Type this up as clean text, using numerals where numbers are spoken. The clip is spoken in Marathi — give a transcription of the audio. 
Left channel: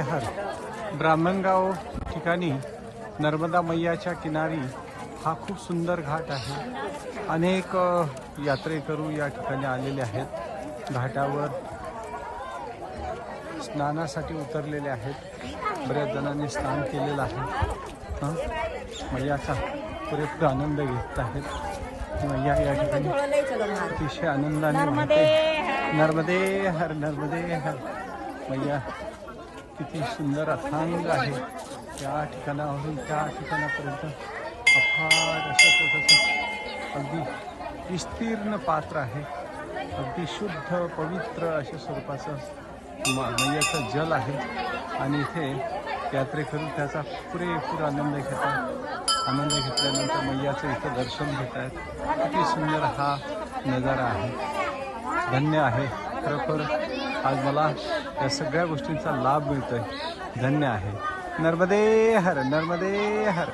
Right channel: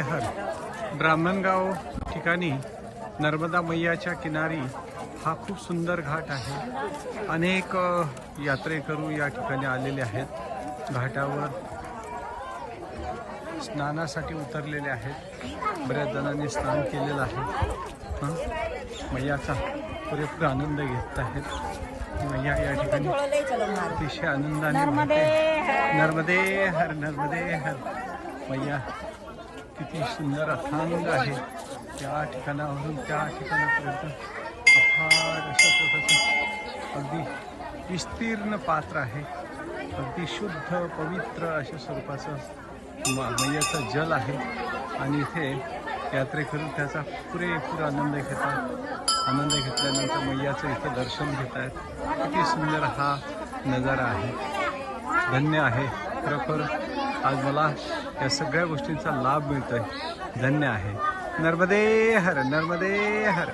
हर ब्राह्मणगाव ठिकाणी नर्मदा मैयाच्या किनारी हा खूप सुंदर घाट आहे। अनेक यात्रेकरू या ठिकाणी आलेले आहेत। घाटावर स्नानासाठी उतरलेले आहेत। बऱ्याच जणांनी स्नान केलेलं आहे। मैयाचा पुरेपूर आनंद घेत आहेत। मैया या ठिकाणी अतिशय आनंदाने वाहते। नर्मदे हर नर्मदे हर। मैया किती सुंदर अथांग आहे। त्या ठिकाणावरून त्या ठिकाणापर्यंत अफाट असं प्रकारचं अगदी विस्तीर्ण पात्र आहे। अगदी शुद्ध पवित्र अशा स्वरूपाचं मैयाचं जल आहे आणि इथे यात्रेकरू त्याचा पुरेपूर आनंद घेतात। आनंद घेतल्यानंतर मैयाचं इथं दर्शन घेत आहेत। किती सुंदर हा नजारा आहे। धन्य आहे खरोखर। आज मला या सगळ्या गोष्टींचा लाभ मिळतोय। धन्य आहे। नर्मदे हर नर्मदे हर।